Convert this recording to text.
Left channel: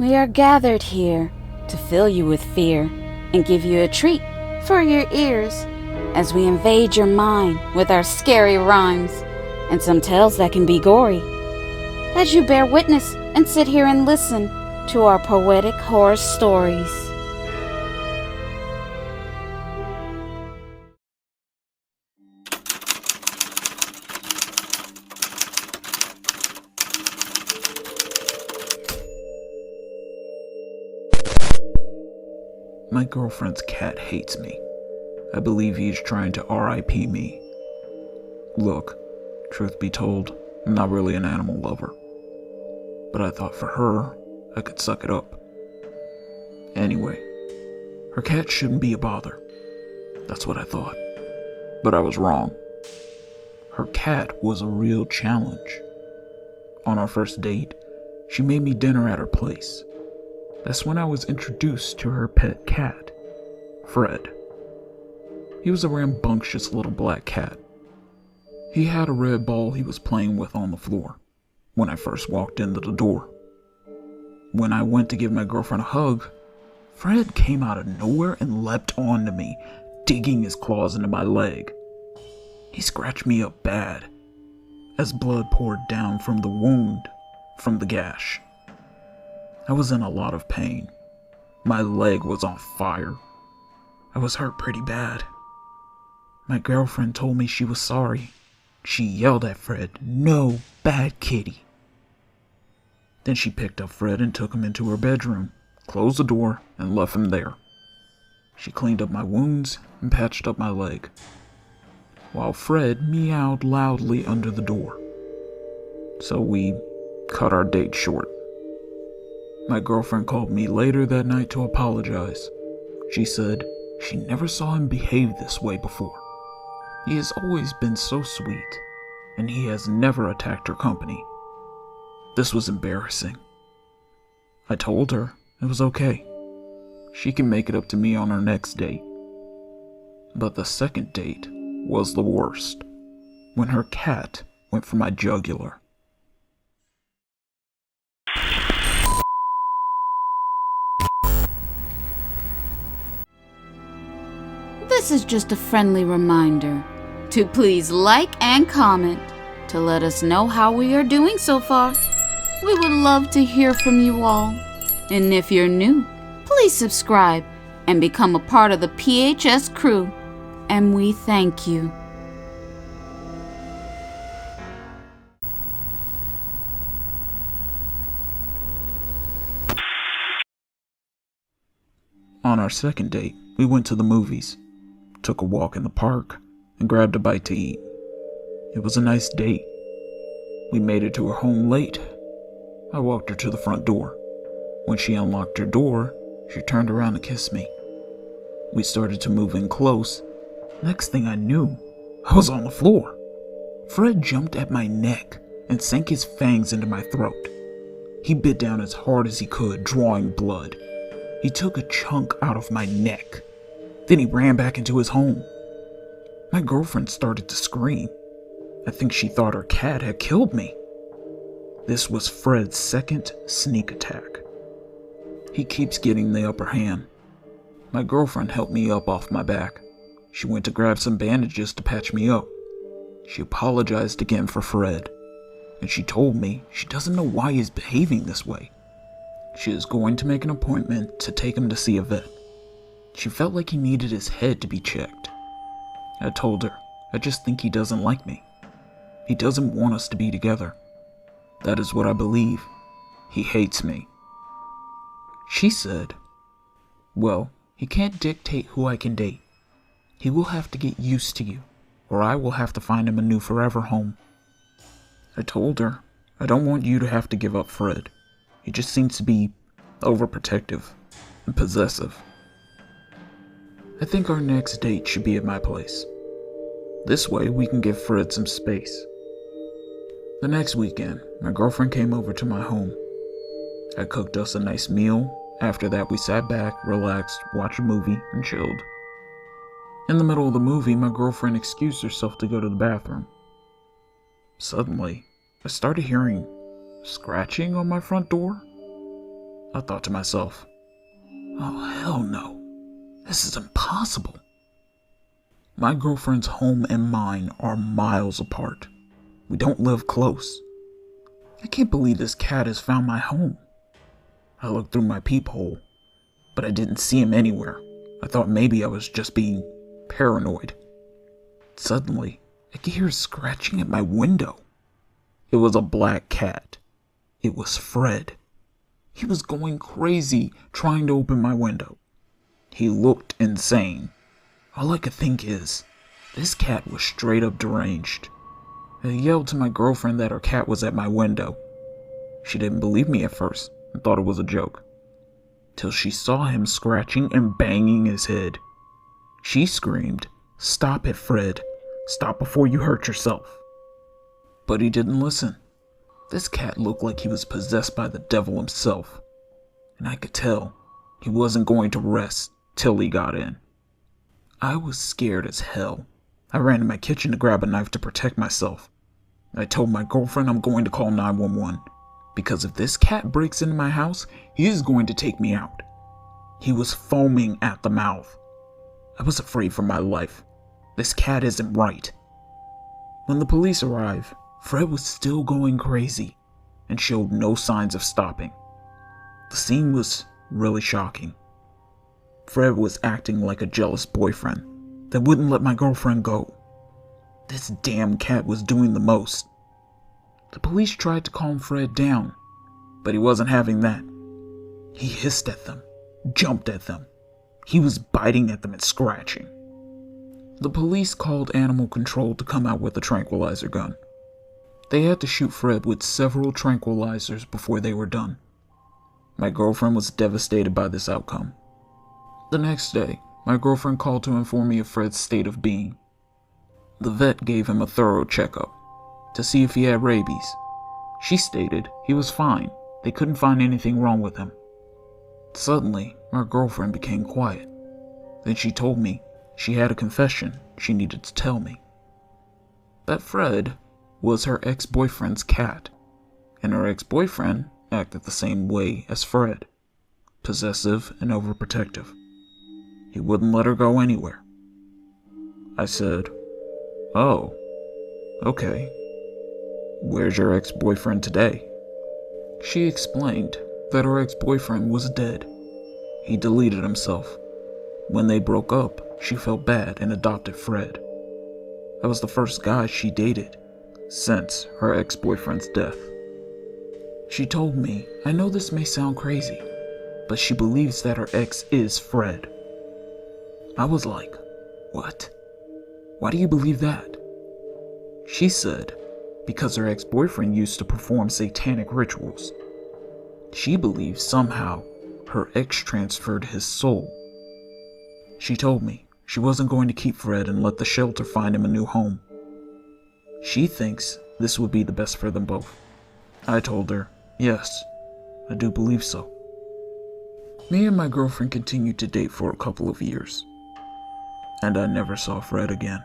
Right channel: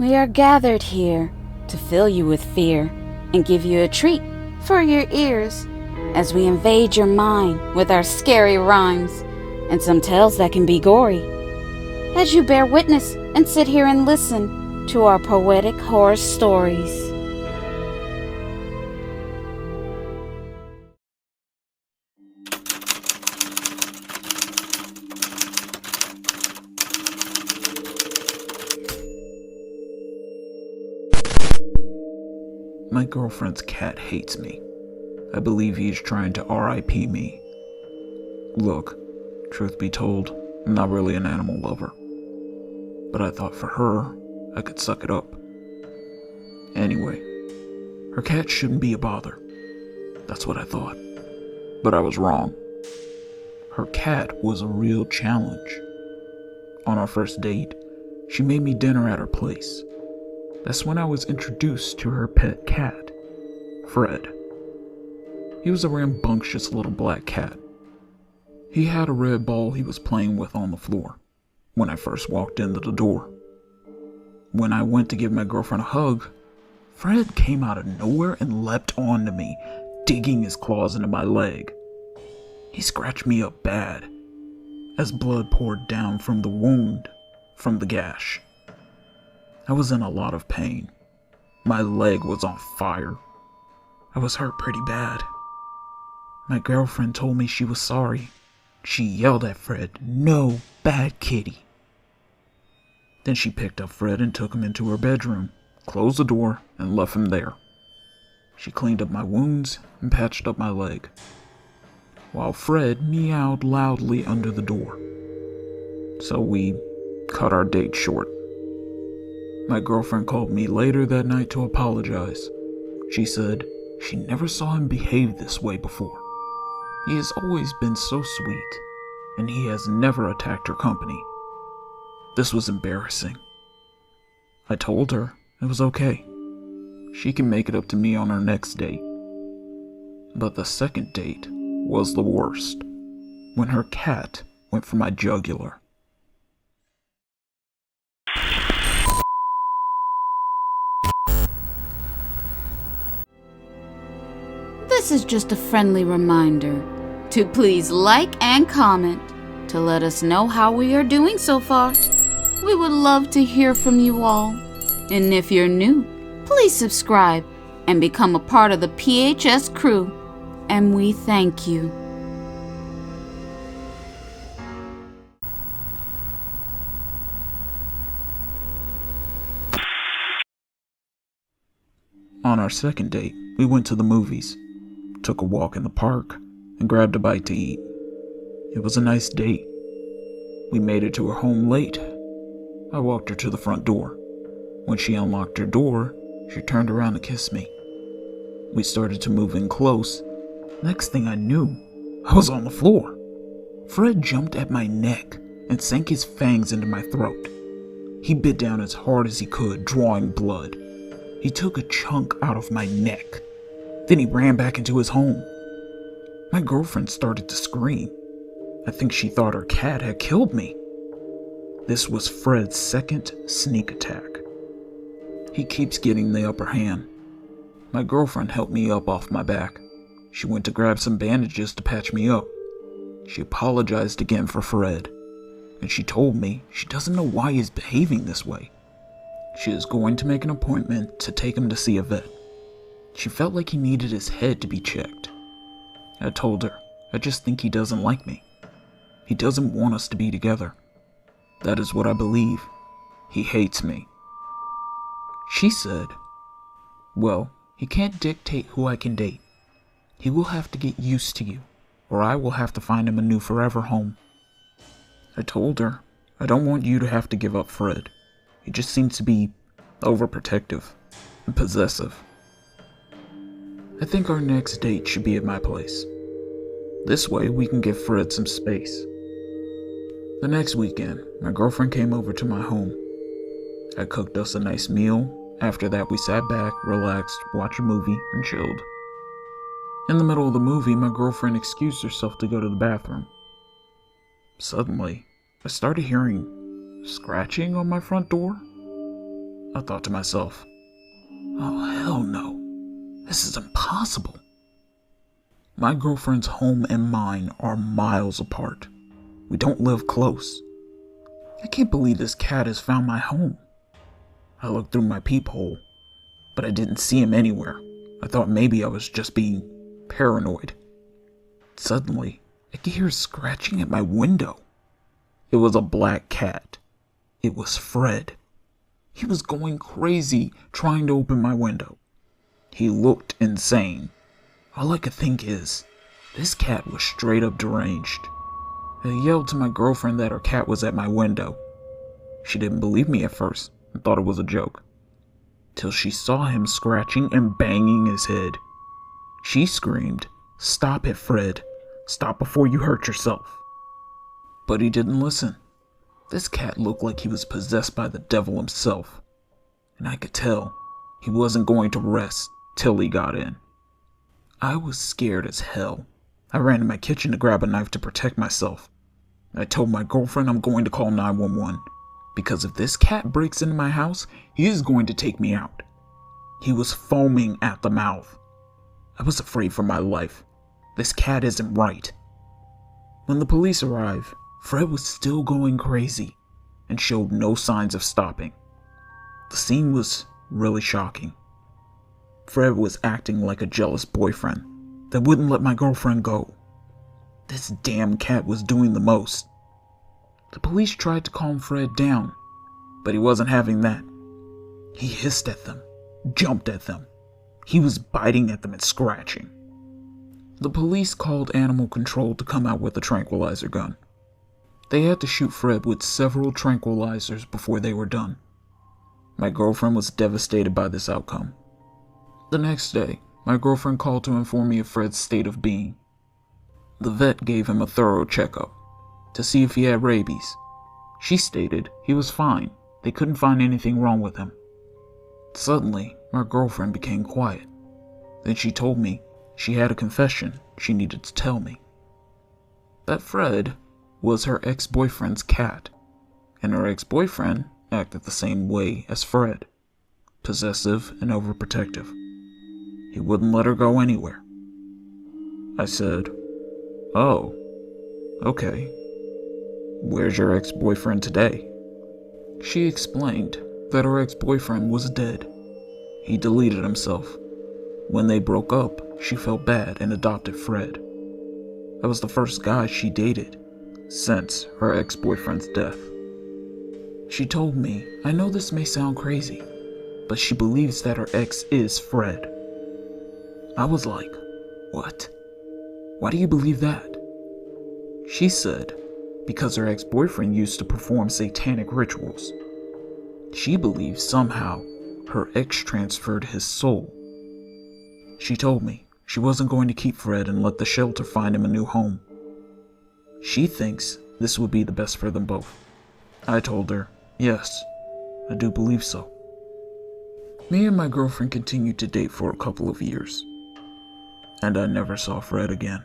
We are gathered here to fill you with fear and give you a treat for your ears as we invade your mind with our scary rhymes and some tales that can be gory. As you bear witness and sit here and listen to our poetic horror stories. My girlfriend's cat hates me. I believe he's trying to R.I.P me. Look, truth be told, I'm not really an animal lover. But I thought for her, I could suck it up. Anyway, her cat shouldn't be a bother. That's what I thought. But I was wrong. Her cat was a real challenge. On our first date, she made me dinner at her place. That's when I was introduced to her pet cat, Fred. He was a rambunctious little black cat. He had a red ball he was playing with on the floor when I first walked into the door. When I went to give my girlfriend a hug, Fred came out of nowhere and leapt onto me, digging his claws into my leg. He scratched me up bad, as blood poured down from the wound from the gash. I was in a lot of pain. My leg was on fire. I was hurt pretty bad. My girlfriend told me she was sorry. She yelled at Fred, "No, bad kitty." Then she picked up Fred and took him into her bedroom, closed the door, and left him there. She cleaned up my wounds and patched up my leg, while Fred meowed loudly under the door. So we cut our date short. My girlfriend called me later that night to apologize. She said she never saw him behave this way before. He has always been so sweet, and he has never attacked her company. This was embarrassing. I told her it was okay. She can make it up to me on our next date. But the second date was the worst, when her cat went for my jugular. This is just a friendly reminder to please like and comment to let us know how we are doing so far. We would love to hear from you all. And if you're new, please subscribe and become a part of the PHS crew. And we thank you. On our second date, we went to the movies, took a walk in the park, and grabbed a bite to eat. It was a nice date. We made it to her home late. I walked her to the front door. When she unlocked her door, she turned around to kiss me. We started to move in close. Next thing I knew, I was on the floor. Fred jumped at my neck and sank his fangs into my throat. He bit down as hard as he could, drawing blood. He took a chunk out of my neck. Then he ran back into his home. My girlfriend started to scream. I think she thought her cat had killed me. This was Fred's second sneak attack. He keeps getting the upper hand. My girlfriend helped me up off my back. She went to grab some bandages to patch me up. She apologized again for Fred, and she told me she doesn't know why he's behaving this way. She is going to make an appointment to take him to see a vet. She felt like he needed his head to be checked. I told her, I just think he doesn't like me. He doesn't want us to be together. That is what I believe. He hates me. She said, well, he can't dictate who I can date. He will have to get used to you, or I will have to find him a new forever home. I told her, I don't want you to have to give up Fred. He just seems to be overprotective and possessive. I think our next date should be at my place. This way we can give Fred some space. The next weekend, my girlfriend came over to my home. I cooked us a nice meal. After that, we sat back, relaxed, watched a movie, and chilled. In the middle of the movie, my girlfriend excused herself to go to the bathroom. Suddenly, I started hearing scratching on my front door. I thought to myself, oh hell no, this is impossible. My girlfriend's home and mine are miles apart. We don't live close. I can't believe this cat has found my home. I looked through my peephole, but I didn't see him anywhere. I thought maybe I was just being paranoid. Suddenly, I could hear scratching at my window. It was a black cat. It was Fred. He was going crazy trying to open my window. He looked insane. All I could think is, this cat was straight up deranged. I yelled to my girlfriend that her cat was at my window. She didn't believe me at first and thought it was a joke, till she saw him scratching and banging his head. She screamed, "Stop it, Fred. Stop before you hurt yourself." But he didn't listen. This cat looked like he was possessed by the devil himself, and I could tell he wasn't going to rest till he got in. I was scared as hell. I ran to my kitchen to grab a knife to protect myself. I told my girlfriend I'm going to call 911, because if this cat breaks into my house, he is going to take me out. He was foaming at the mouth. I was afraid for my life. This cat isn't right. When the police arrived, Fred was still going crazy and showed no signs of stopping. The scene was really shocking. Fred was acting like a jealous boyfriend that wouldn't let my girlfriend go. This damn cat was doing the most. The police tried to calm Fred down, but he wasn't having that. He hissed at them, jumped at them. He was biting at them and scratching. The police called animal control to come out with a tranquilizer gun. They had to shoot Fred with several tranquilizers before they were done. My girlfriend was devastated by this outcome. The next day, my girlfriend called to inform me of Fred's state of being. The vet gave him a thorough checkup to see if he had rabies. She stated he was fine. They couldn't find anything wrong with him. Suddenly, my girlfriend became quiet. Then she told me she had a confession she needed to tell me. That Fred was her ex-boyfriend's cat, and her ex-boyfriend acted the same way as Fred, possessive and overprotective. He wouldn't let her go anywhere. I said, "Oh, okay. Where's your ex-boyfriend today?" She explained that her ex-boyfriend was dead. He deleted himself. When they broke up, she felt bad and adopted Fred. That was the first guy she dated since her ex-boyfriend's death. She told me, I know this may sound crazy, but she believes that her ex is Fred. I was like, what? Why do you believe that? She said, because her ex-boyfriend used to perform satanic rituals. She believes somehow her ex transferred his soul. She told me she wasn't going to keep Fred and let the shelter find him a new home. She thinks this would be the best for them both. I told her, yes, I do believe so. Me and my girlfriend continued to date for a couple of years, and I never saw Fred again.